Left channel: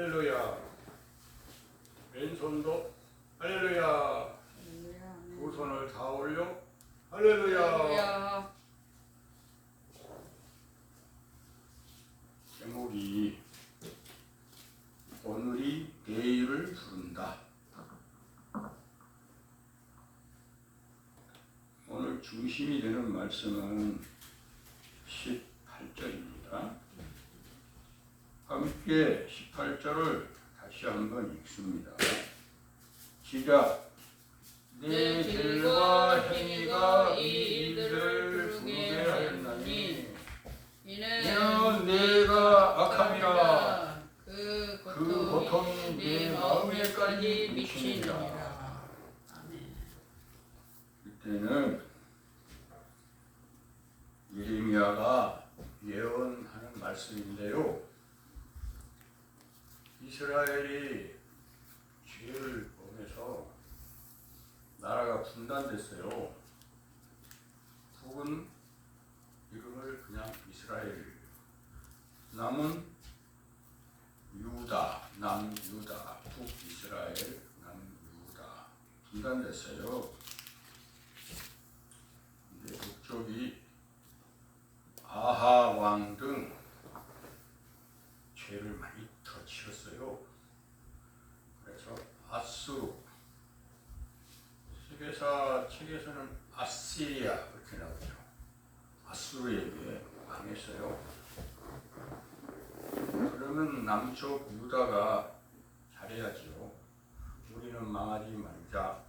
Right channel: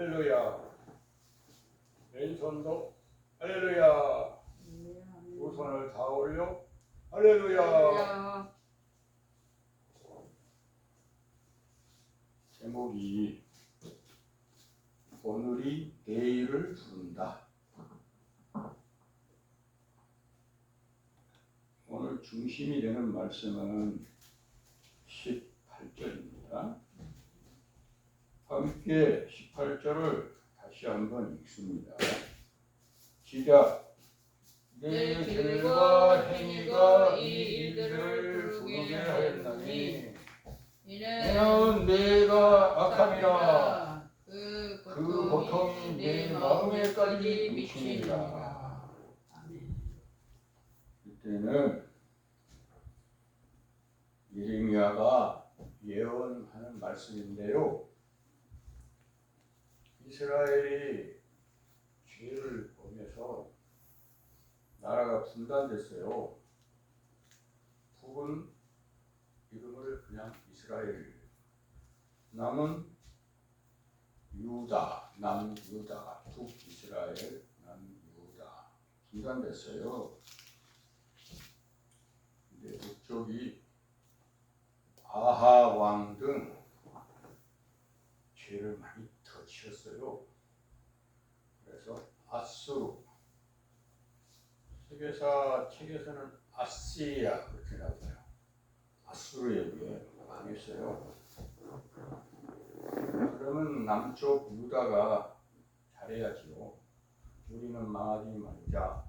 할렐루야. 왼손도 할렐루야. 두 손을 다 올려 할렐루야. 제목이 오늘이 내일을 부른다. 오늘 중심이 되는 말씀은 18절입니다. 함께 18절을 다시 한번 읽습니다. 시작. 내 길과 행위가 이 일들을 부르게 하였나니 이는 내가 악함이라 그 고통이 내 마음에까지 미치니라. 이때는 예레미야가 예언하는 말씀인데요. 이스라엘이 죄를 범해서 나라가 분단됐어요. 북은 이름을 그냥 이스라엘, 남은 유다, 남유다, 북이스라엘, 남유다 분단됐어요. 근데 북쪽이 아하 왕 등 죄를 많이 더 지었어요. 그래서 아수르, 세계사 책에서는 아시리아 이렇게 나오죠. 아수르에게 망했어요. 그러면 남쪽 유다가 잘해야지요. 우리는 망하지 말자,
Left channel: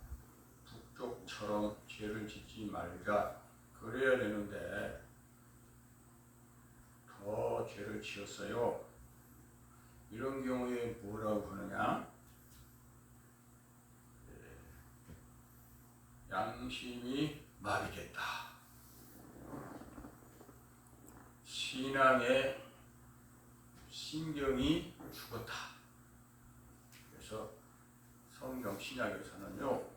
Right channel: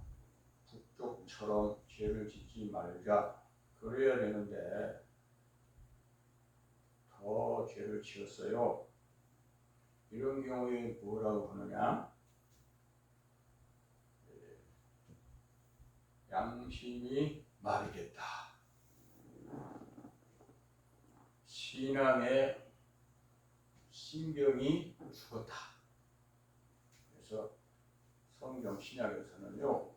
북쪽처럼 죄를 짓지 말자, 그래야 되는데 더 죄를 지었어요. 이런 경우에 뭐라고 하느냐? 양심이 마비됐다. 신앙의 신경이 죽었다. 그래서 성경 신약에서는요,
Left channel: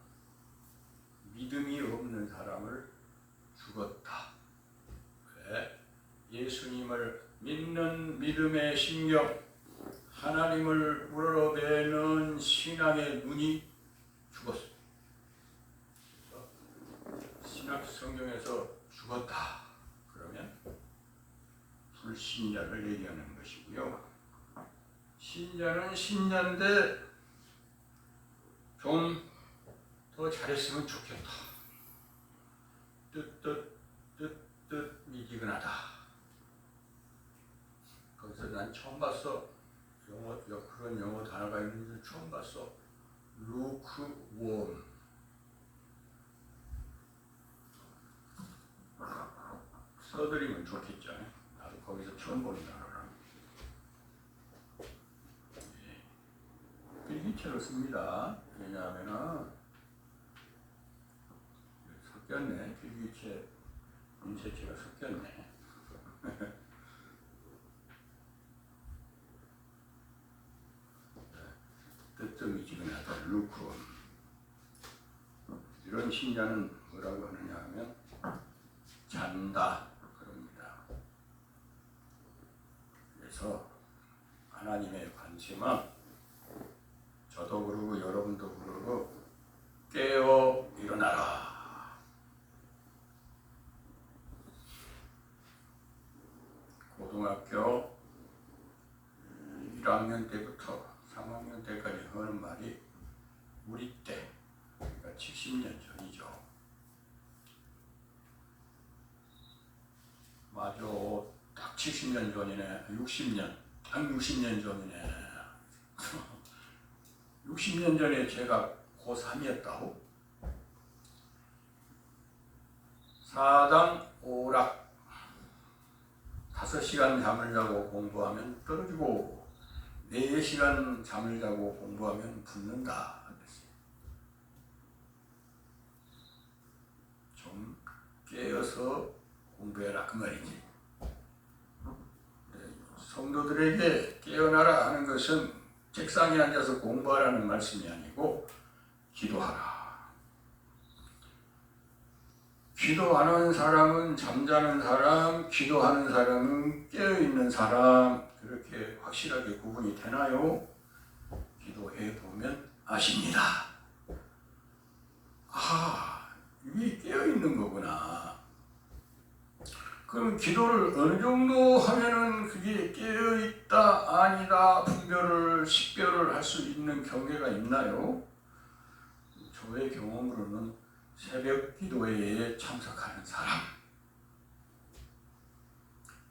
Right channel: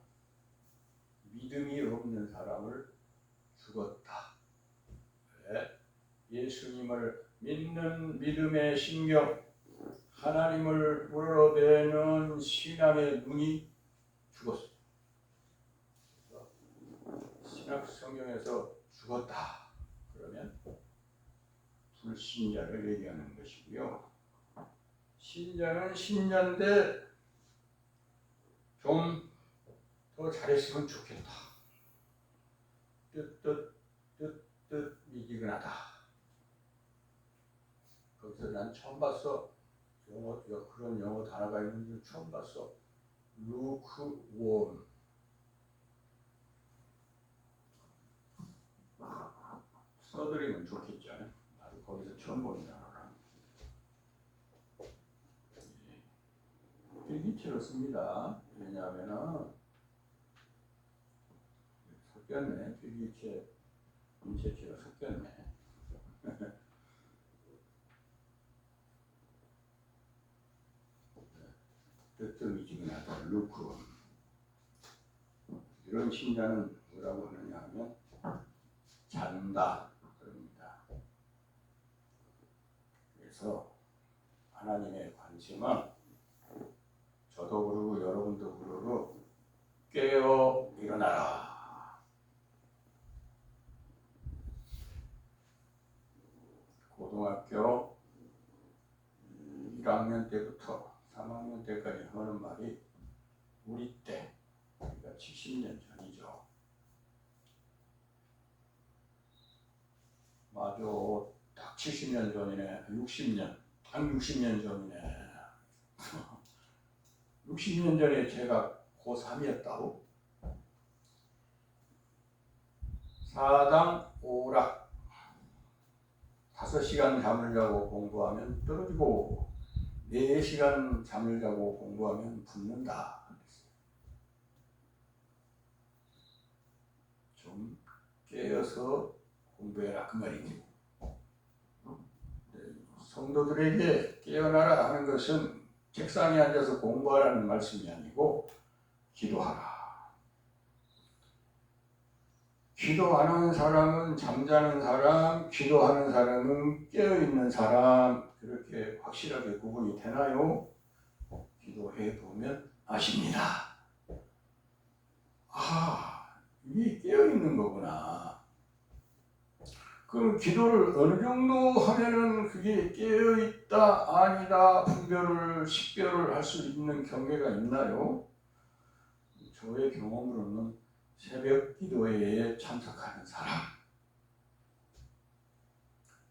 믿음이 없는 사람을 죽었다. 왜? 예수님을 믿는 믿음의 신경, 하나님을 우러러대는 신앙의 눈이 죽었어요. 신약 성경에서 죽었다 그러면 불신자를 얘기하는 것이고요. 신자는 신자인데 좀 더 잘했으면 좋겠다. 뜻 미지근하다. 거기서 난 처음 봤어. 그런 영어 단어가 있는지 처음 봤어. lukewarm. 써드리면 좋겠죠. 나도 거기서 처음 보는 단어라. 필기체로 씁니다. 왜냐하면 섞였네. 필기체, 인쇄체가 섞였네. 뜨뜻미지근하다. 루크롬. 이런 신자는 뭐라고 하느냐 하면 잔다 그럽니다. 그래서 하나님의 관심은 저도 그러고 여러분도 그러고 깨어 일어나라. 고등학교 1학년 때부터 3학년 때까지 하는 말이 우리 때, 그러니까 70년 전이죠. 맞아, 딱 70년 전이네. 60년, 딱 60년 전이네. 60년 전에 제가 고3이었다고? 사당 오락 5시간 잠을 자고 공부하면 떨어지고 4시간 잠을 자고 공부하면 붙는다. 좀 깨어서 공부해라 그 말이지. 성도들에게 깨어나라 하는 것은 책상에 앉아서 공부하라는 말씀이 아니고 기도하라. 기도하는 사람은 잠자는 사람, 기도하는 사람은 깨어있는 사람, 그렇게 확실하게 구분이 되나요? 기도해 보면 아십니다. 이게 깨어있는 거구나. 그럼 기도를 어느 정도 하면은 그게 깨어있다 아니다 분별을 식별을 할 수 있는 경계가 있나요? 저의 경험으로는 새벽 기도회에 참석하는 사람,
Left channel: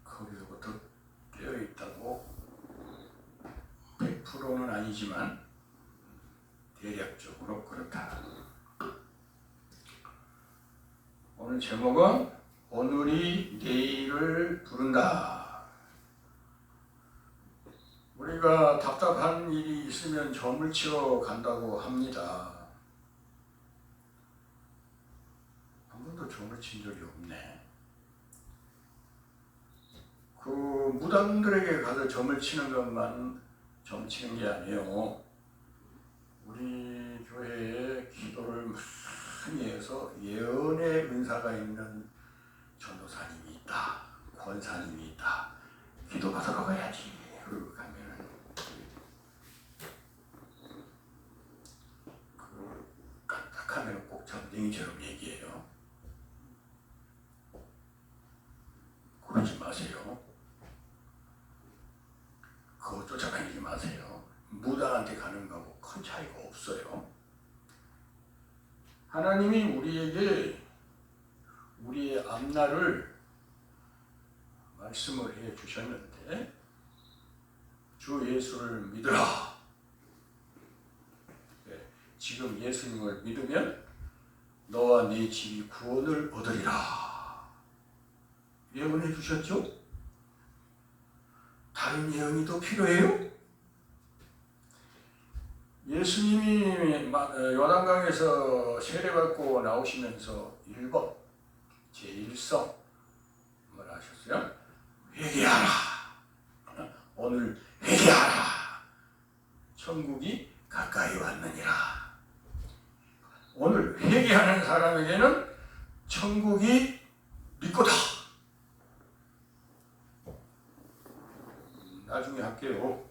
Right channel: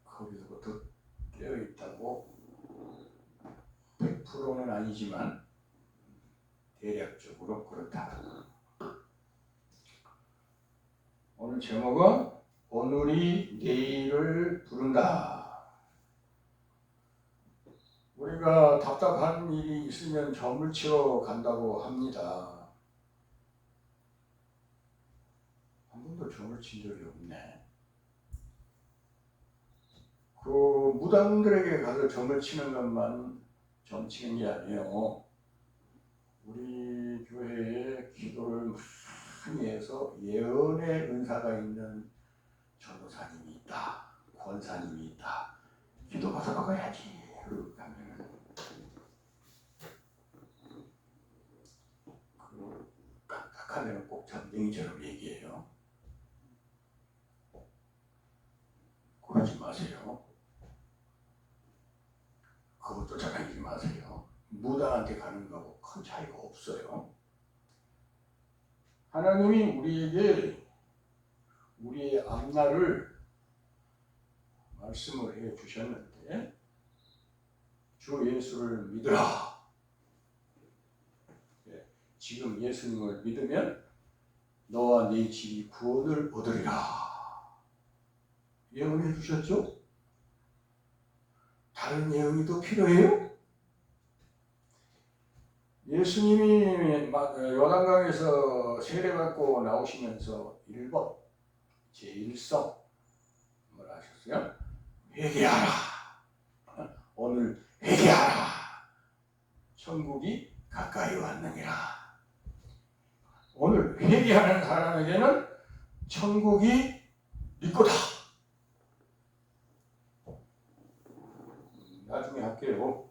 거기서부터 깨어있다고 100%는 아니지만 대략적으로 그렇다. 오늘 제목은 오늘이 내일을 부른다. 우리가 답답한 일이 있으면 점을 치러 간다고 합니다. 한 번도 점을 친 적이 없네. 그 무당들에게 가서 점을 치는 것만 점 치는 게 아니에요. 우리 교회에 기도를 많이 해서 예언의 은사가 있는 전도사님이 있다, 권사님이 있다, 기도받으러 가야지. 그러고 가면은 그 깜짝하면 꼭 전쟁이처럼 얘기해요. 그러지 마세요. 그거 쫓아다니지 마세요. 무당한테 가는 거하고 큰 차이가 없어요. 하나님이 우리에게 우리의 앞날을 말씀을 해 주셨는데 주 예수를 믿으라. 지금 예수님을 믿으면 너와 네 집이 구원을 얻으리라. 예언해 주셨죠? 다른 예언이 더 필요해요? 예수님이 요단강에서 세례받고 나오시면서 1번 제1성 뭐라 하셨어요? 회개하라. 오늘 회개하라. 천국이 가까이 왔느니라. 오늘 회개하는 사람에게는 천국이 믿고다. 나중에 할게요.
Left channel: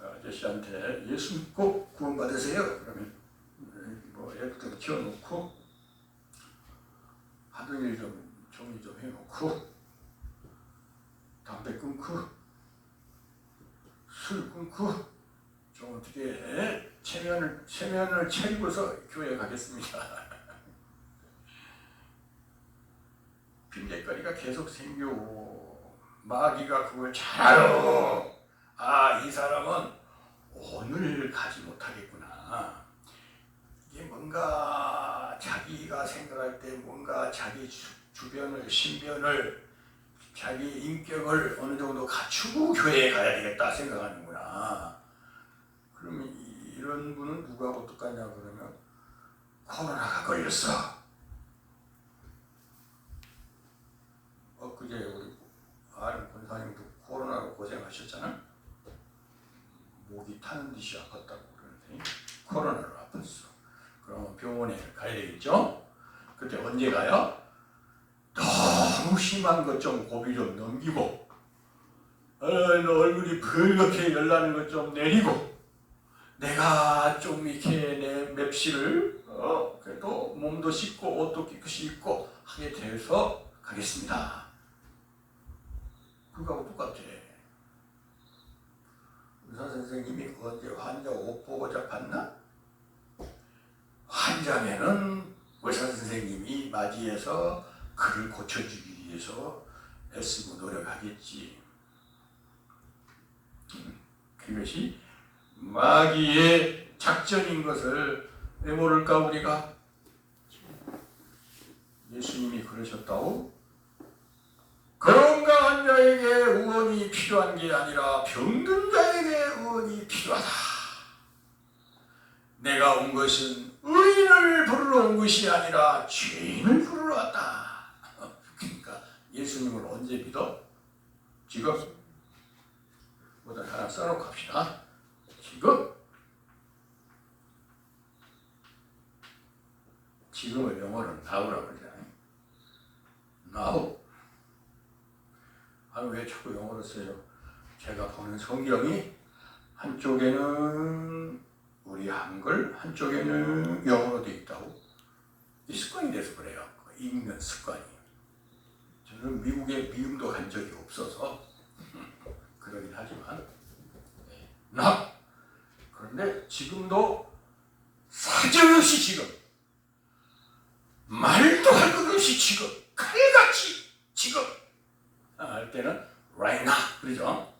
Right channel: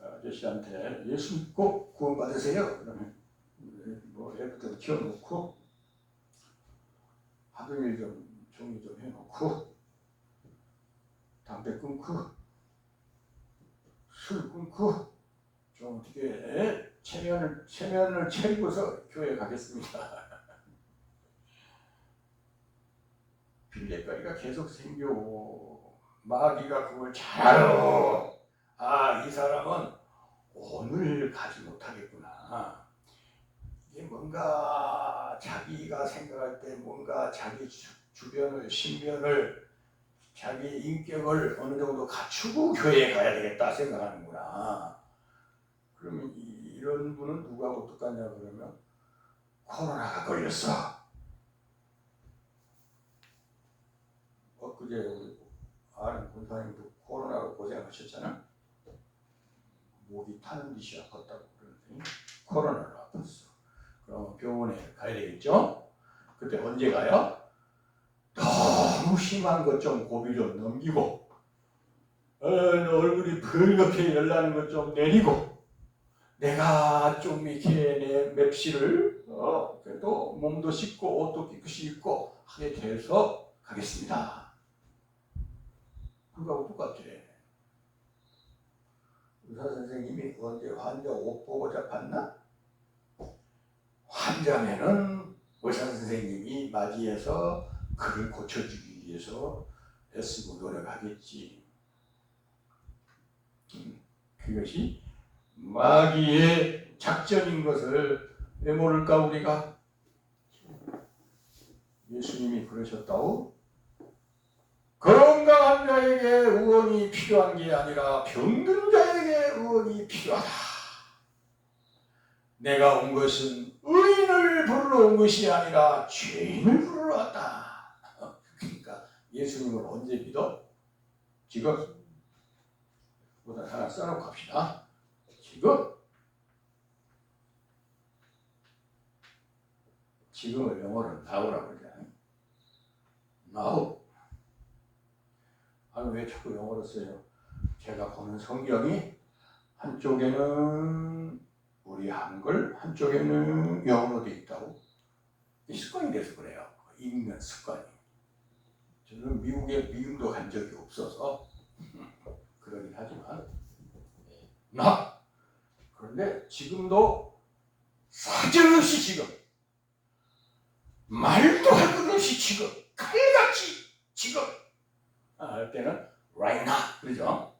아저씨한테 예수 믿고 구원 받으세요. 그러면 뭐 애들 키워놓고 하던 일 좀 정리 좀 해놓고 담배 끊고 술 끊고 좀 어떻게 체면을 차리고서 교회 가겠습니다. 빈대거리가 계속 생겨. 마귀가 그걸 잘 알아. 이 사람은 오늘 가지 못하겠구나. 이게 뭔가 자기가 생각할 때 뭔가 자기 주변을 신변을 자기 인격을 어느 정도 갖추고 교회에 가야 되겠다 생각하는구나. 그러면 이런 분은 누구하고 똑같냐 그러면 코로나가 걸렸어. 엊그제 우리 아는 권사님도 코로나로 고생하셨잖아. 목이 타는 듯이 아팠다고 그러는데 코로나로 아팠어. 그러면 병원에 가야 되겠죠? 그때 언제 가요? 너무 심한 것 좀 고비 좀 넘기고 너 얼굴이 붉게 열나는 것 좀 내리고 내가 좀 이렇게 내 맵시를 그래도 몸도 씻고 옷도 깨끗이 입고 하게 돼서 가겠습니다. 그거하고 똑같아. 의사 선생님이 언제 환자 옷 보고자 봤나? 환자면은 의사 선생님이 맞이해서 그를 고쳐주기 위해서 애쓰고 노력하겠지. 그것이 마귀의 작전인 것을 왜 모를까 우리가? 예수님이 그러셨다고? 건강한 자에게 의원이 필요한 게 아니라 병든 자에게 의원이 필요하다. 내가 온 것은 의인을 부르러 온 것이 아니라 죄인을 부르러 왔다. 그러니까 예수님을 언제 믿어? 지금? 뭐다 하나 써놓고 합시다. 지금? 지금을 영어로 now라고 그러잖아요. now. 왜 자꾸 영어로 써요? 제가 보는 성경이 한쪽에는 우리 한글, 한쪽에는 영어로 되어 있다고. 이 습관이 돼서 그래요. 읽는 습관이. 저는 미국에 미움도 간 적이 없어서 그러긴 하지만 그런데 지금도 사정없이 지금 말도 할 것 없이 지금 칼같이 지금 할 때는 right now 그러죠.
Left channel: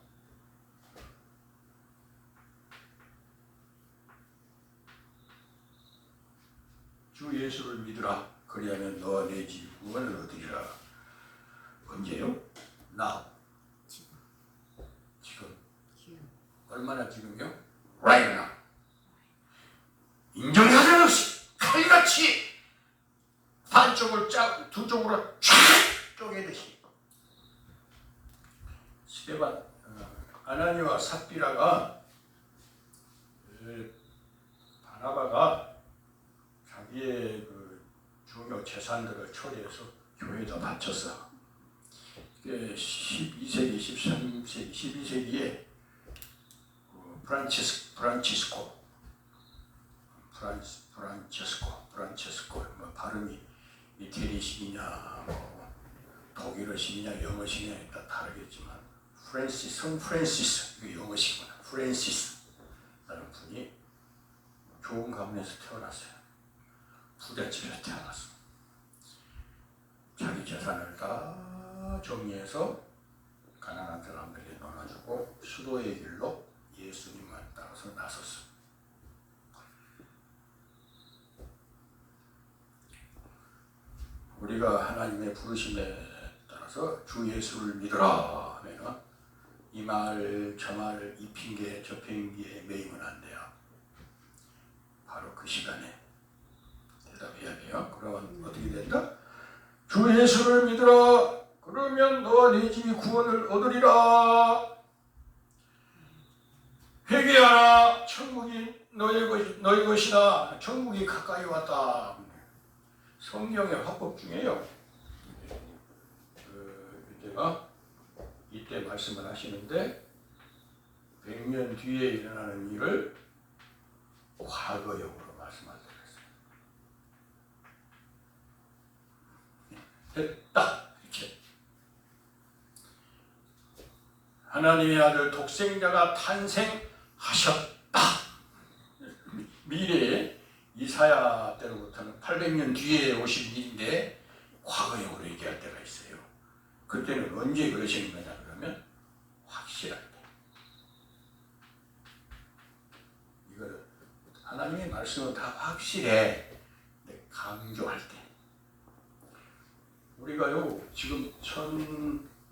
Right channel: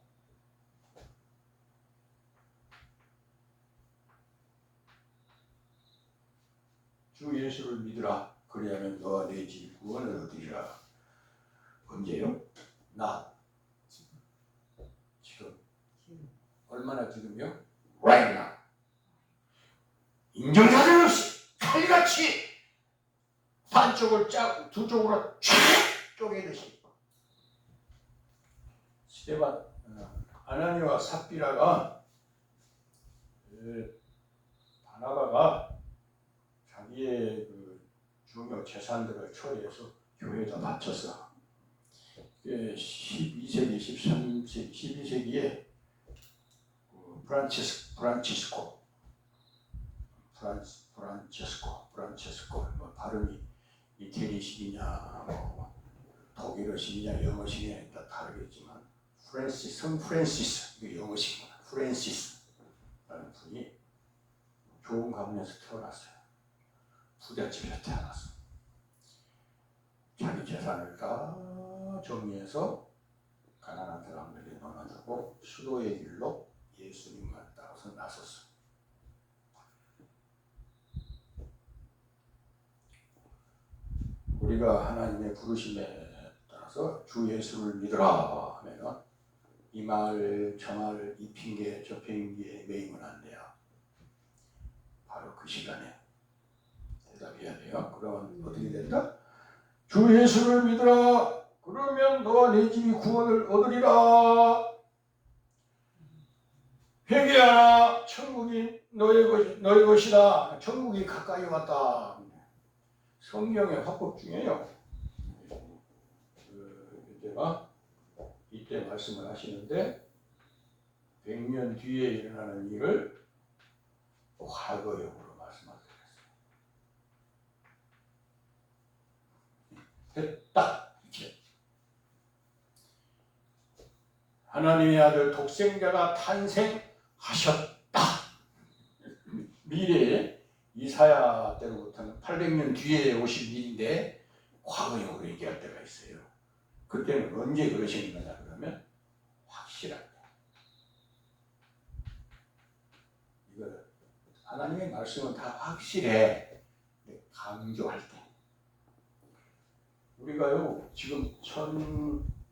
주 예수를 믿으라 그리하면 너와 내 집 구원을 얻으리라. 언제요? now. 지금. 얼마나 지금요? right now. 인정사정 없이 칼같이 반쪽을 두 쪽으로 쫙 쪼개듯이. 스데반 아나니와 삽비라가 바나바가 자기의 그 중요 재산들을 처리해서 교회에다 바쳤어. 12세기, 13세기, 12세기에 프란체스코 뭐 발음이 이태리식이냐 뭐 독일어식이냐 영어식이냐 다 다르겠지만 성 프랜시스 이거 영어식이구나. 프랜시스라는 분이 좋은 가문에서 태어났어요. 부잣집에서 태어났어. 자기 재산을 다 정리해서 가난한 사람들에게 나눠주고 수도의 길로 예수님을 따라서 나섰어. 우리가 하나님의 부르심에 따라서 주 예수를 믿으라 하면은 이 말 저 말 이 핑계 저 핑계에 매이면 안 돼요. 바로 그 시간에 대답해야 돼요. 그러면 어떻게 된다? 주 예수를 믿으라. 그러면 너와 내 집이 구원을 얻으리라. 회개하라. 천국이 너의 것이다. 천국이 가까이 왔다. 성경의 화법 중에요. 이때 말씀을 하시는데 100년 뒤에 일어나는 일을 과거형으로 말씀하셨어요. 됐다. 이렇게. 하나님의 아들 독생자가 탄생하셨다. 미래에 이사야 때로부터는 800년 뒤에 오신 일인데 과거형으로 얘기할 때가 있어요. 그때는 언제 그러신 거냐 그러면 확실할 때. 이거는 하나님의 말씀은 다 확실해. 강조할 때. 우리가요 지금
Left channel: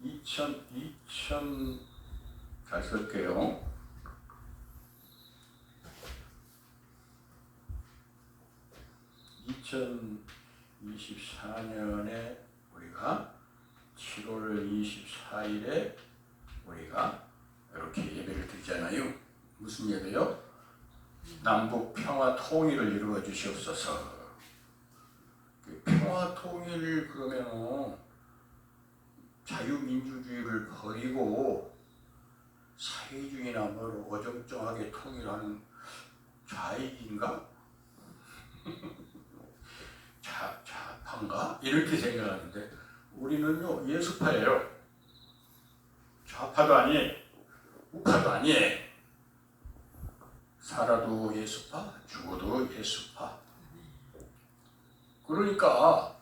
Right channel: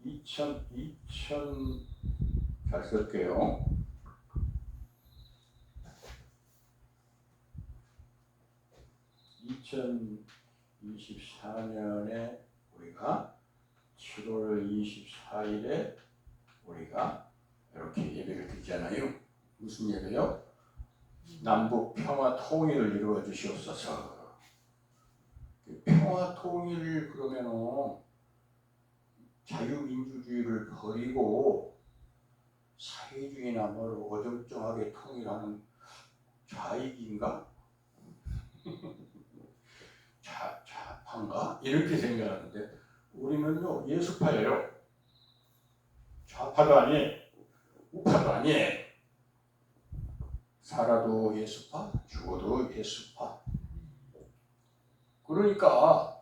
2000 잘 쓸게요. 2024년에 우리가 7월 24일에 우리가 이렇게 예배를 드리잖아요. 무슨 예배요? 남북 평화 통일을 이루어 주시옵소서. 평화 통일 그러면은 자유민주주의를 버리고 사회주의나 뭘 어정쩡하게 통일하는 좌익인가? 좌파인가? 이렇게 생각하는데 우리는요 예수파예요. 좌파도 아니에요. 우파도 아니에요. 살아도 예수파, 죽어도 예수파. 그러니까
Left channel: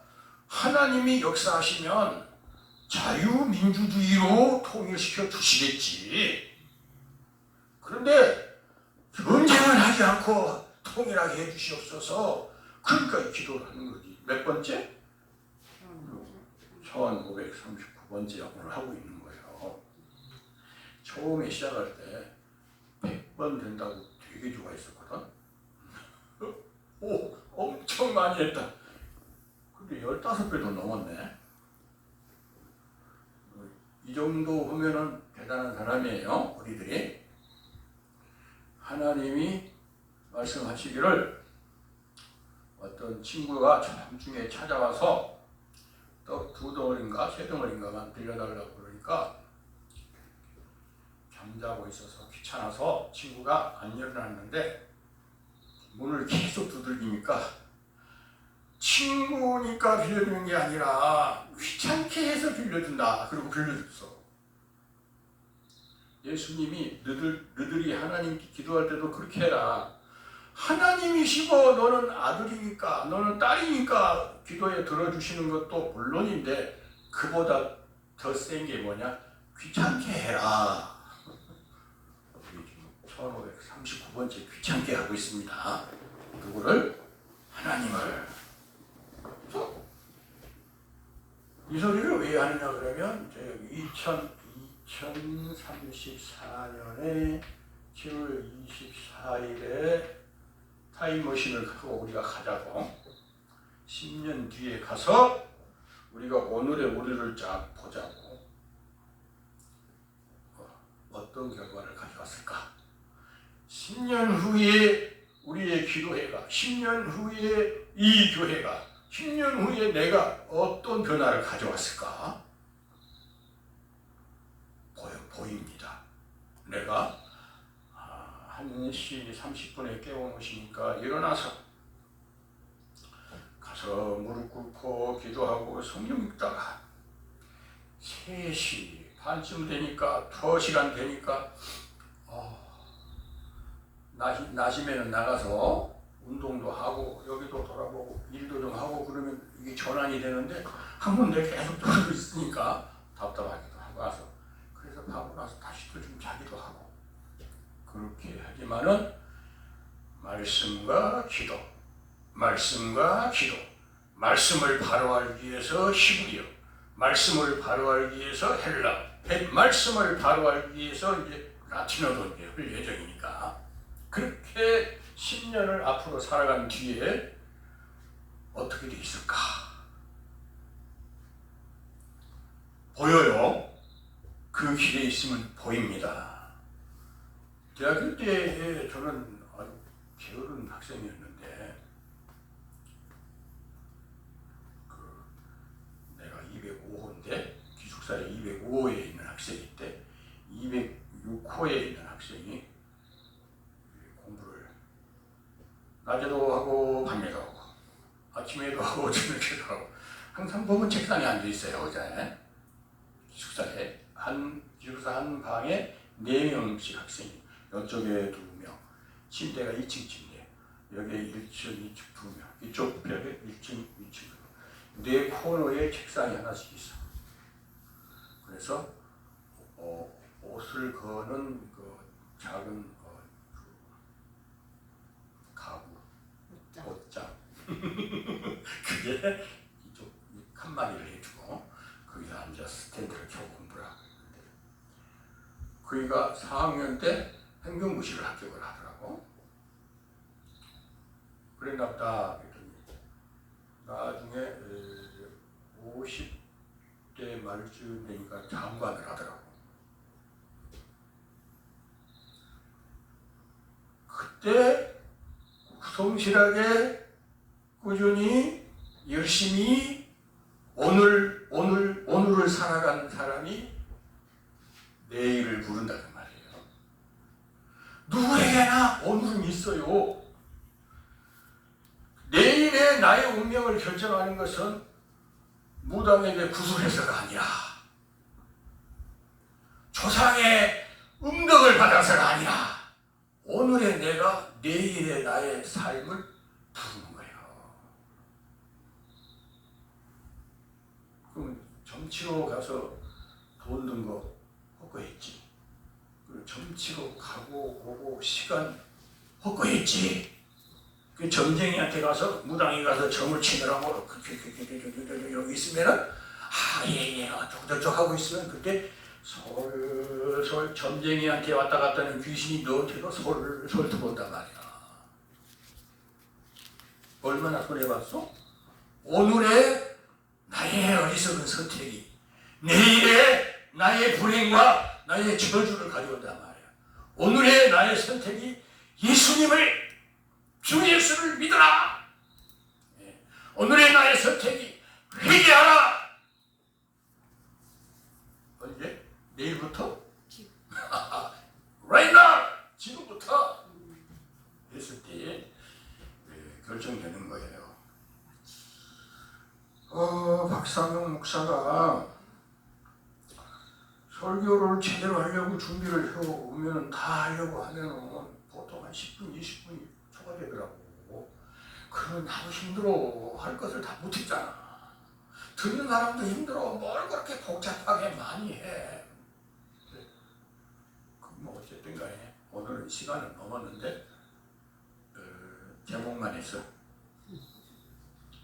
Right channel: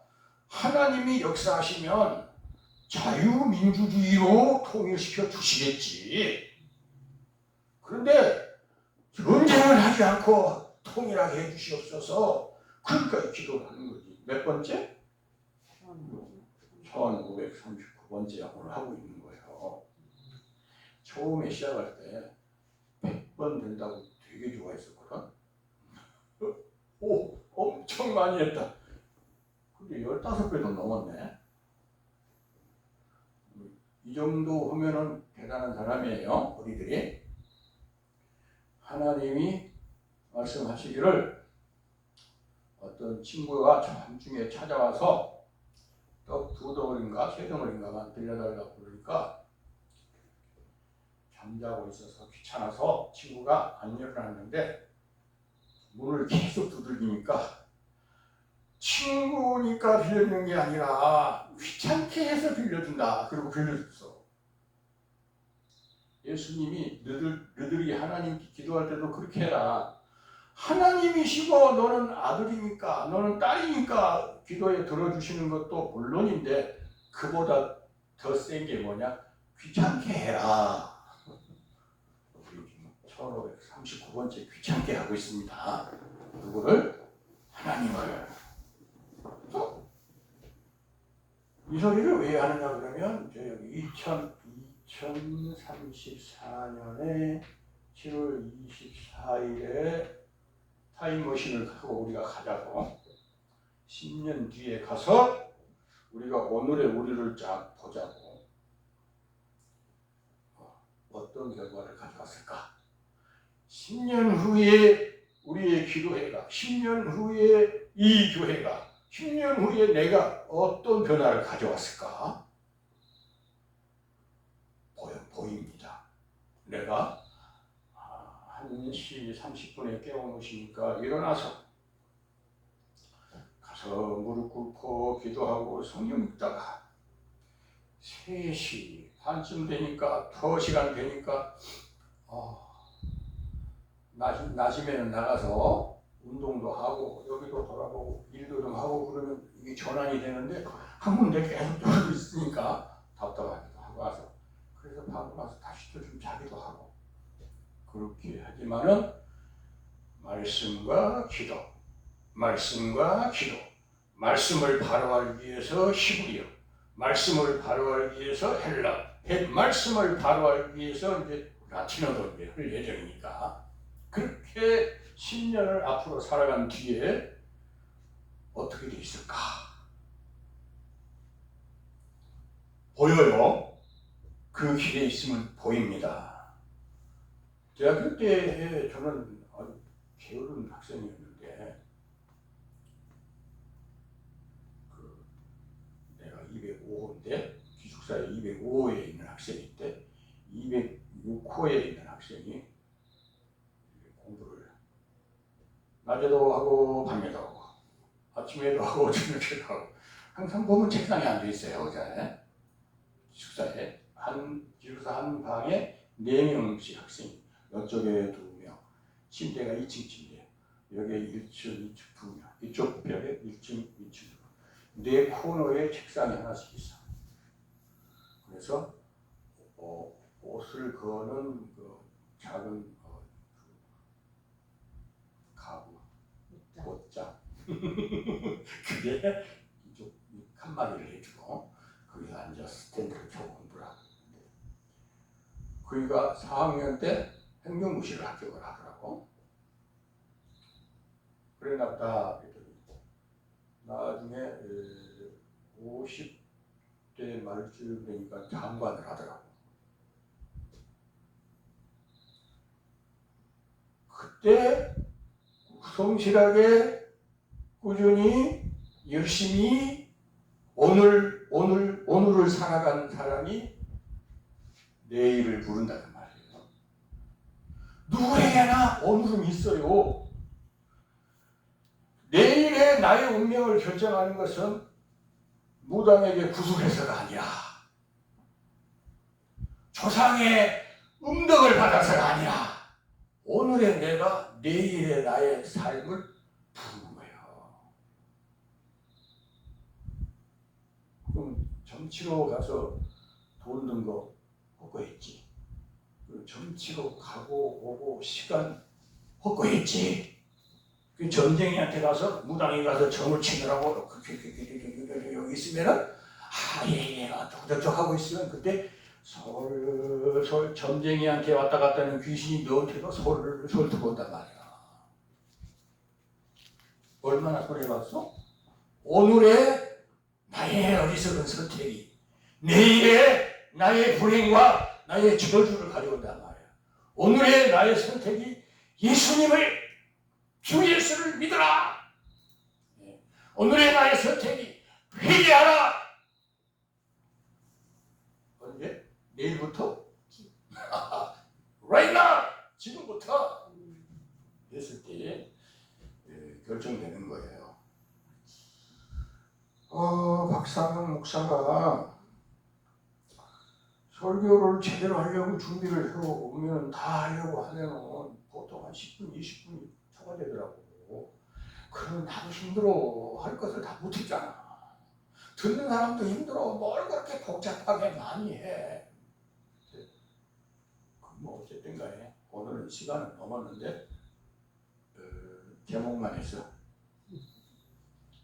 하나님이 역사하시면 자유민주주의로 통일시켜 주시겠지. 그런데 전쟁을 하지 않고 통일하게 해주시옵소서. 그러니까 기도를 하는 거지. 몇 번째? 1539번째 오늘 하고 있는 거예요. 처음에 시작할 때 100번 된다고 되게 좋아했었거든. 오, 엄청 많이 했다. 근데 15배도 넘었네. 이 정도 하면은 대단한 사람이에요. 우리들이. 하나님이 말씀하시기를 어떤 친구가 밤중에 찾아와서 떡 2덩어리인가 3덩어리인가만 빌려달라고 그러니까 잠자고 있어서 귀찮아서 친구가 안 열어놨는데 문을 계속 두들기니까 친구니까 빌려주는 게 아니라 귀찮게 해서 빌려준다. 그리고 빌려줬어. 예수님이 너들이 하나님께 기도할 때도 그렇게 해라. 하나님이시고 너는 아들이니까 너는 딸이니까 기도에 들어주시는 것도 물론인데 그보다 더 센 게 뭐냐? 귀찮게 해라. 우리 지금 1539번째 귀찮게 하고 있습니다. 누구를? 하나님을. 이 소리를 왜 하느냐 그러면 2034년에 7월 24일에 타임머신을 갖고 우리가 가자고. 10년 뒤에 가서 우리가 오늘의 우리를 쫙 보자고. 어떤 결과를 가져왔을까? 10년 후에 우리의 기도회가, 10년 후에 이 교회가, 10년 후에 내가 어떤 변화를 가져왔을까? 보입니다. 내가 1시 30분에 깨워놓으시니까 일어나서 가서 무릎 꿇고 기도하고 성경 읽다가 3시 반쯤 되니까 더 시간 되니까 나시면은 나가서 운동도 하고 여기도 돌아보고 일도 좀 하고 그러면 이게 전환이 되는데 한 군데 계속 돌고 있으니까 답답하기도 하고 와서 그래서 하고 나서 다시 또 좀 자기도 하고 그렇게 하지만은 말씀과 기도, 말씀과 기도, 말씀을 바로하기 위해서 히브리어, 말씀을 바로하기 위해서 헬라, 말씀을 바로하기 위해서 이제 라틴어도 이제 할 예정이니까 그렇게 10년을 앞으로 살아간 뒤에 어떻게 돼 있을까? 보여요. 그 길에 있으면 보입니다. 대학교 때 저는 아주 게으른 학생이었는데 내가 205호인데 기숙사에 205호에 있는 학생이 때 206호에 있는 학생이 공부를 낮에도 하고 밤에도 하고 아침에도 하고 저녁에도 하고 항상 보면 책상에 앉아 있어요. 어제 기숙사에 기숙사 한 방에 4명씩 학생이 이쪽에 2명 침대가 2층 침대 여기에 1층 2층 2명 이쪽 벽에 1층 2층 4 코너에 책상이 하나씩 있어. 그래서 옷을 거는 그 작은 가구 옷장 그게 이쪽 칸막이를 해주고 거기서 앉아서 스탠드를 켜고 공부를 하고 있는데 그이가 4학년 때 행정고시를 합격을 하더라고. 그랬나 보다. 나중에 50대 말쯤 되니까 장관을 하더라고. 그때 성실하게 꾸준히 열심히 오늘을 살아가는 사람이 내일을 부른다는 말이에요. 누구에게나 오늘은 있어요. 내일의 나의 운명을 결정하는 것은 무당에게 구술해서가 아니라 조상의 음덕을 받아서가 아니라 오늘의 내가 내일의 나의 삶을 부르는 거예요. 그럼 점치러 가서 돈 든 거 헛거했지. 점치러 가고 오고 시간 헛거했지. 그 점쟁이한테 가서 무당이 가서 점을 치느라고 여기 있으면은 예예 어쩌고저쩌고 하고 있으면 그때 솔솔 점쟁이한테 왔다 갔다 하는 귀신이 너한테도 솔솔 들어온단 말이야. 얼마나 손해봤어? 오늘의 나의 어리석은 선택이 내일의 나의 불행과 나의 저주를 가져온단 말이야. 오늘의 나의 선택이 예수님을 주 예수를 믿어라. 오늘의 나의 선택이 회개하라. 언제? 내일부터? 결정되는 거예요. 박상영 목사가 설교를 제대로 하려고 준비를 해오면 다 하려고 하면은 보통 한 10분, 20분이 초과되더라고. 그러면 나도 힘들어. 할 것을 다 못했잖아. 듣는 사람도 힘들어. 뭘 그렇게 복잡하게 많이 해. 뭐 어쨌든 간에 오늘은 시간은 넘었는데 제목만 했어.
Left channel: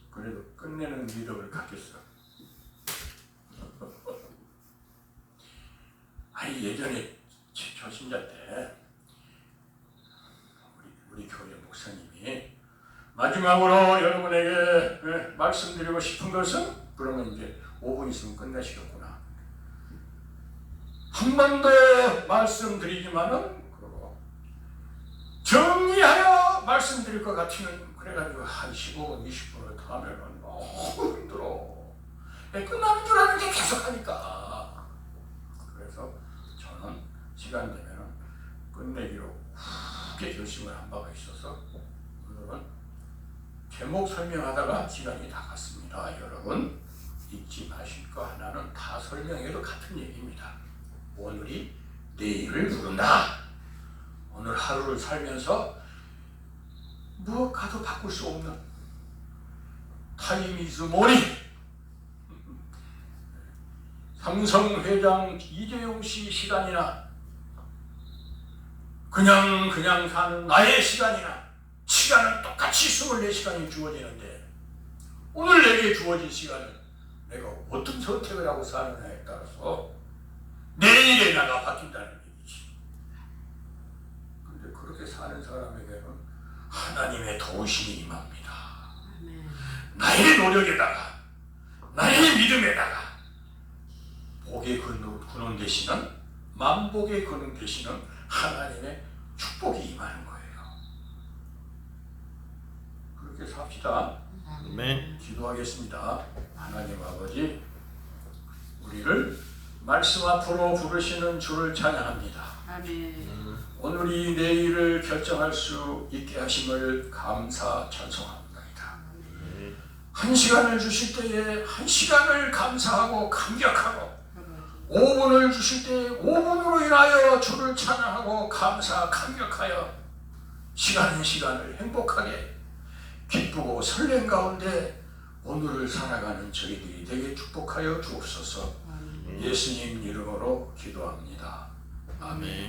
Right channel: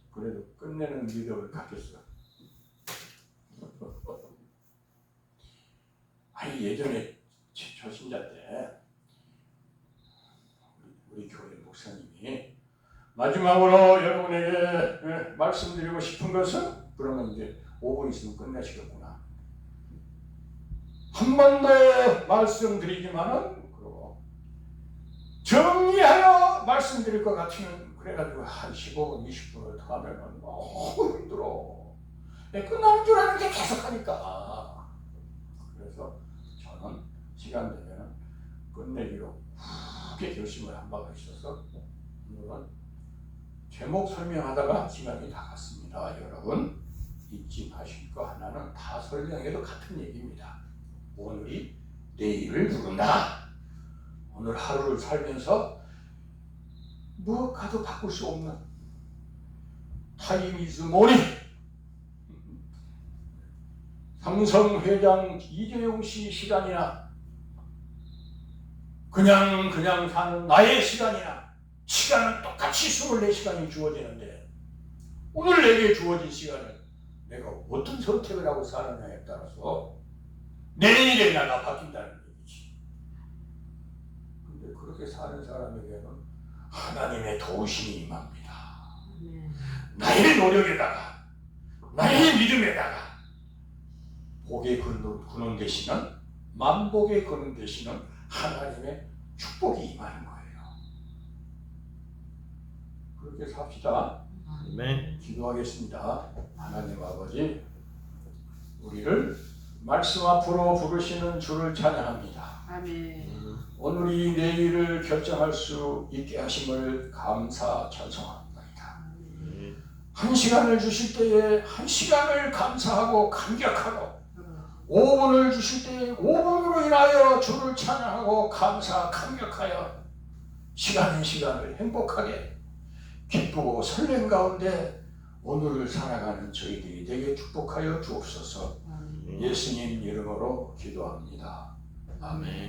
그래도 끝내는 믿음을 갖겠어. 아니 예전에 초신자 때 우리 교회 목사님이 마지막으로 여러분에게 말씀드리고 싶은 것은, 그러면 이제 5분 있으면 끝내시겠구나. 한 번 더 말씀드리지만은 그러고 정리하여 말씀드릴 것 같으면 그래가지고 한 15분 20분을 더 하면은 너무 힘들어. 끝나는 줄 아는데 계속 하니까. 그래서 저는 시간 되면 끝내기로 크게 결심을 한 바가 있어서 오늘은 제목 설명하다가 시간이 다 갔습니다. 여러분 잊지 마실 거 하나는 다 설명해도 같은 얘기입니다. 오늘이 내일을 부른다. 오늘 하루를 살면서 무엇과도 바꿀 수 없는 타임 이즈 모니. 삼성회장 이재용 씨 시간이나 그냥 사는 나의 시간이나 시간은 똑같이 24시간이 주어지는데 오늘 내게 주어진 시간을 내가 어떤 선택을 하고 사느냐에 따라서 내일의 나가 바뀐다는 얘기지. 그런데 그렇게 사는 사람에게는 하나님의 도우심이 임합니다. 나의 노력에다가 나의 믿음에다가 복의 근원 되시는, 만복의 근원 되시는 하나님의 축복이 임하는 거예요. 그렇게 삽시다. 네. 기도하겠습니다. 하나님 아버지, 우리를 말씀 앞으로 부르시는 주를 찬양합니다. 아멘. 오늘이 내일을 결정할 수 있게 하심을 감사 찬송합니다. 한 시간을 주실 때에 한 시간을 감사하고 감격하고, 5분을 주실 때에 5분으로 인하여 주를 찬양하고 감사 감격하여 시간을 행복하게 기쁘고 설렘 가운데 오늘을 살아가는 저희들이 되게 축복하여 주옵소서. 예수님 이름으로 기도합니다. 아멘.